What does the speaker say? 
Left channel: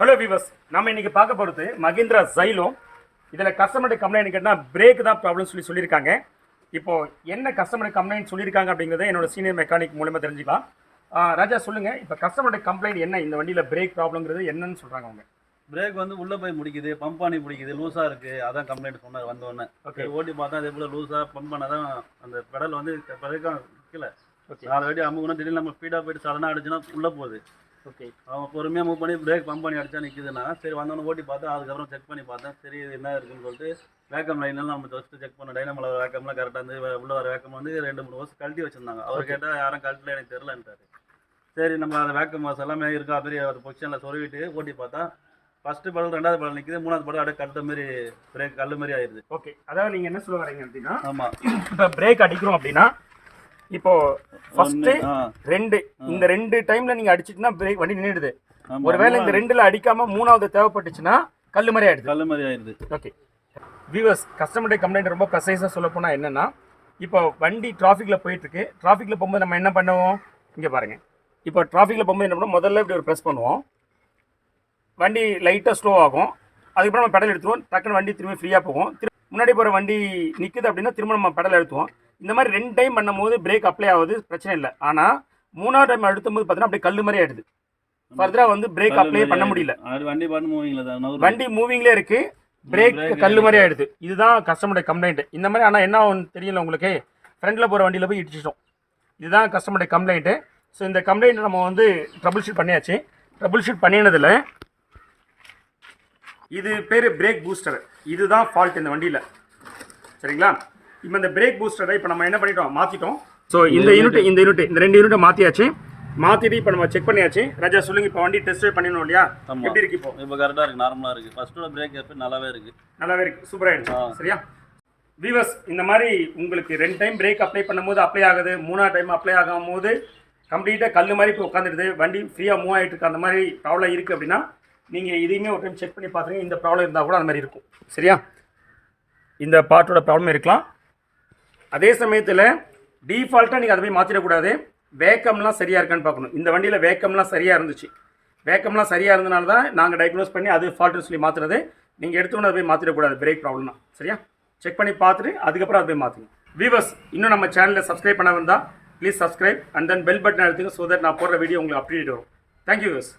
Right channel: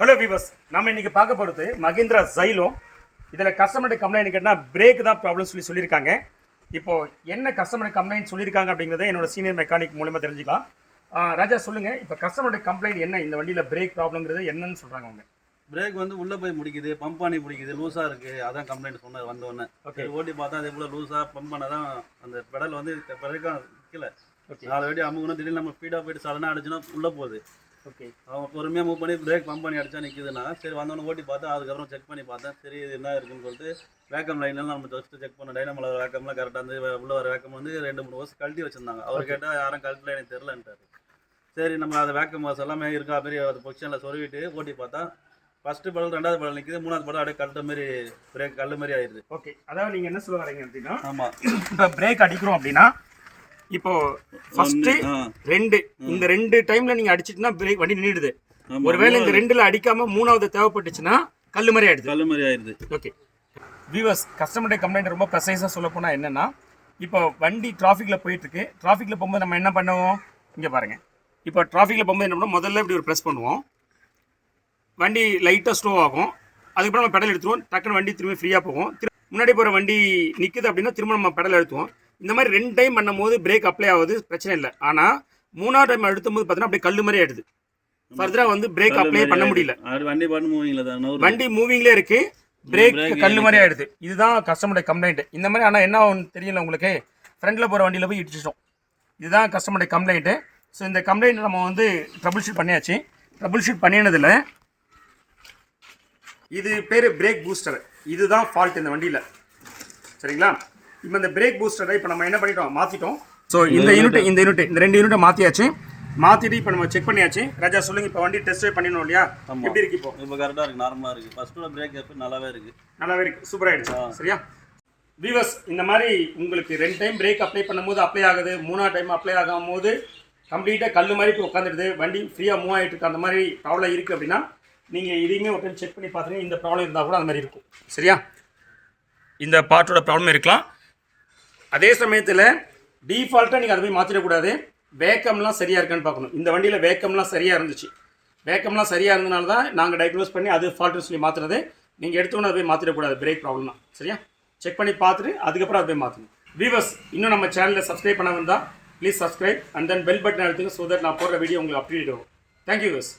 Hello viewers, நம்ம இன்னைக்கு பார்க்க போகிறது மஹிந்திரா ஜைலோ. இதில் கஸ்டமர் கம்ப்ளைண்ட் கேட்டால் பிரேக் தான் ப்ராப்ளம் சொல்லியிருக்காங்க. இப்போ என்ன கஸ்டமர் கம்ப்ளைண்ட் சொல்லியிருக்காங்க அப்படிங்கிறத என்னோட சீனியர் மெக்கானிக் மூலமாக தெரிஞ்சுக்கலாம். ராஜா சொல்லுங்கள், இப்போ கஸ்டமர் கம்ப்ளைண்ட் என்ன, இந்த வண்டியில் பிரேக் ப்ராப்ளம்ங்கிறது என்னன்னு சொல்கிறாங்க அவங்க? பிரேக் வந்து உள்ளே போய் முடிக்குது, பம்ப் பண்ணி பிடிக்குது, லூஸாக இருக்குது. அதான் கம்ப்ளைண்ட் சொன்னார் வந்தோடனே. ஓகே, ஓட்டி பார்த்தா அதே போல் லூஸாக பம்ப் பண்ண தான் அந்த பெடல் வந்து பிரேக்காக நிற்கல. ஓகே, 4 வாட்டி அமுகுனா திடீர்னு நம்ம ஸ்பீடாக போயிட்டு சடனாக அடிச்சுன்னா உள்ளே போகுது. ஓகே, அவன் பொறுமையாக மூவ் பண்ணி பிரேக் பம்ப் பண்ணி அடிச்சா நிற்குதுன்னா சரி வந்தோடனே ஓட்டி பார்த்தா அதுக்கப்புறம் செக் பண்ணி பார்த்தேன். சரி இது என்ன இருக்குன்னு சொல்லிட்டு வேக்கம் லைன்லாம் நம்ம ஃபஸ்ட்டு செக் பண்ணோம். டைனமோல வேக்கம்லாம் கரெக்டாக வந்து உள்ள வர வேக்கம் வந்து 2-3 வருஷம் கழட்டி வச்சுருந்தாங்க. அவர் கேட்டால் யாரும் கழட்டல, எனக்கு தெரிலன்ட்டார். சரி நம்ம அந்த வேக்கம் வாஸ் எல்லாமே இருக்கா பெரிய ஒரு பொசிஷனில் சொருவிட்டு ஓட்டி பார்த்தா ஃபஸ்ட்டு படல் 2வது படல் நிற்கிது, 3வது படம் அப்படியே கழுத்த மாதிரி பிரேக் கல் மாதிரி ஆயிடுது. ஓகே, அதாவது நீங்கள் என்ன சொல்ல வரீங்க அப்படின்னா, ஆமாம் இப்போ பிரேக் அடிக்கிறோம் அப்படின்னா இப்போ ஃபர்ஸ்ட் 2 இந்த 2 டைம்ல நீங்க அடிச்சிட்டீங்கன்னா பிரேக் வண்டி நின்னுடுது. ஒருவேளை இந்த 2ல அடிக்காம 3வது தேவைப்பட்டுச்சுன்னா கல்லு மாதிரி ஆயிடுது. ஓகே வியூவர்ஸ், கஸ்டமர் கம்ப்ளைண்ட் ரொம்ப ப்ரெசைஸாக சொல்ல போனால் என்னன்னா, இப்போ வண்டி டிராஃபிக்கில் போயிட்டு இருக்கு. டிராஃபிக்கில் போகும்போது நம்ம என்ன பண்ணுவோம், இங்கே பாருங்க. இப்போ டிராஃபிக்கில் போகும்போது என்ன பண்ணுவோம், முதல்ல இப்படி ஒரு ப்ரெஸ் பண்ணுவோம், வண்டி லைட்டாக ஸ்லோ ஆகும். அதுக்கப்புறம் நம்ம பெடல் எடுத்துருவோம், டக்குன்னு வண்டி திரும்பி ஃப்ரீயாக போகும். முன்னாடி போகிற வண்டி நிற்குது அப்படின்னா திரும்ப நம்ம பெடல் எடுத்துவோம். இந்த மாதிரி 2 டைம் பண்ணும்போது பிரேக் அப்ளை ஆகுது, பிரச்சனை இல்லை. ஆனால் 3வது டைம் அழுத்தும் போது பார்த்தீங்கன்னா அப்படியே கல் மாதிரி ஆயிடுது. ஃபர்தராக வந்து பிரேக் அப்ளை பண்ண முடியல. வண்டி மூவிங்லேயே இருக்கு, பிரேக் கல் மாதிரி ஆயிடுது. இதுதான் கஸ்டமருடைய கம்ப்ளைண்ட். இந்த மாதிரி ஆனால் என்ன ஆகும் தெரியல உங்களுக்கு, ஃப்ரண்ட்டில் போகிற வண்டியில் போய் இடிச்சிட்டோம். இதுதான் கஸ்டமருடைய கம்ப்ளைண்ட்டு. ஸோ இந்த கம்ப்ளைண்ட் நம்ம வந்து ட்ரபிள் ஷூட் பண்ணியாச்சு. ட்ரபிள் ஷூட் பண்ணினதில் இது பேர் பிரேக் பூஸ்டர். இதுதான் ஃபால்ட் இந்த வண்டியில், சரிங்களா? இப்போ இந்த பிரேக் பூஸ்டரை இப்போ நம்ம என்ன பண்ணிட்டோம், மாற்றிட்டோம். ஸோ இந்த ரெண்டு யூனிட்டை மாற்றியாச்சு. மாற்றிட்டு இப்போ நம்ம செக் பண்ணியாச்சு. ராஜா சொல்லுங்க, இப்போ வண்டி டெஸ்ட் ட்ரைவ் பண்ணிடணும் இல்லையா? எப்படி இருக்கு இப்போ கரெக்டாக இருக்குது, நார்மலாக இருக்குது. ஃபர்ஸ்ட்டோட பிரேக் எப்போ நல்லாவே இருக்குது, சூப்பராக ஆயிடுச்சு. சரியா வீவர்ஸ், இந்த மாதிரி உங்களுக்கு 2 டைம் பிரேக் அப்ளை பண்ணும்போது அப்ளை ஆகுது, 3வது டைம் அப்ளை ஆகும் போது கம்ப்ளீட்டாக கல் மாதிரி இப்போ உட்காந்துடுது, வண்டி ஃப்ரீயாக மூவ் ஆகிட்டு இருக்கு, அந்த மாதிரி ப்ராப்ளம் இருக்குது அப்படின்னா நீங்கள் இதையுமே ஒரு டைம் செக் பண்ணி பார்த்துருங்க. இந்த ப்ராப்ளம் இருந்தால் கூட அந்த மாதிரி இருக்கும். சரியா, இந்த பார்ட்டோட ப்ராப்ளம் இருக்கலாம். அதே சமயத்தில் டீஃபால்ட்டாக நீங்கள் அதை போய் மாற்றிடக்கூடாது. வேக்கம்லாம் சரியாக இருக்கான்னு பார்க்கணும். இந்த வண்டியில் வேக்கம்லாம் சரியாக இருந்துச்சு. வேக்கம்லாம் சரியாக இருந்தனால தான் நாங்கள் டயக்னோஸ் பண்ணி அது ஃபால்ட்டுன்னு சொல்லி மாற்றுறது. நீங்கள் எடுத்தோன்னு அதை போய் மாற்றிடக்கூடாது, பிரேக் ப்ராப்ளம்னா. சரியா, செக் பண்ணி பார்த்துட்டு அதுக்கப்புறம் அதை போய் மாற்றணும். வீவர்ஸ், இன்னும் நம்ம சேனலில் சப்ஸ்கிரைப் பண்ண வந்தால் please subscribe and then bell button அழுத்துங்க. ஸோ தட் நான் போடுற வீடியோ உங்களுக்கு அப்டேட் வரும். Thank you viewers.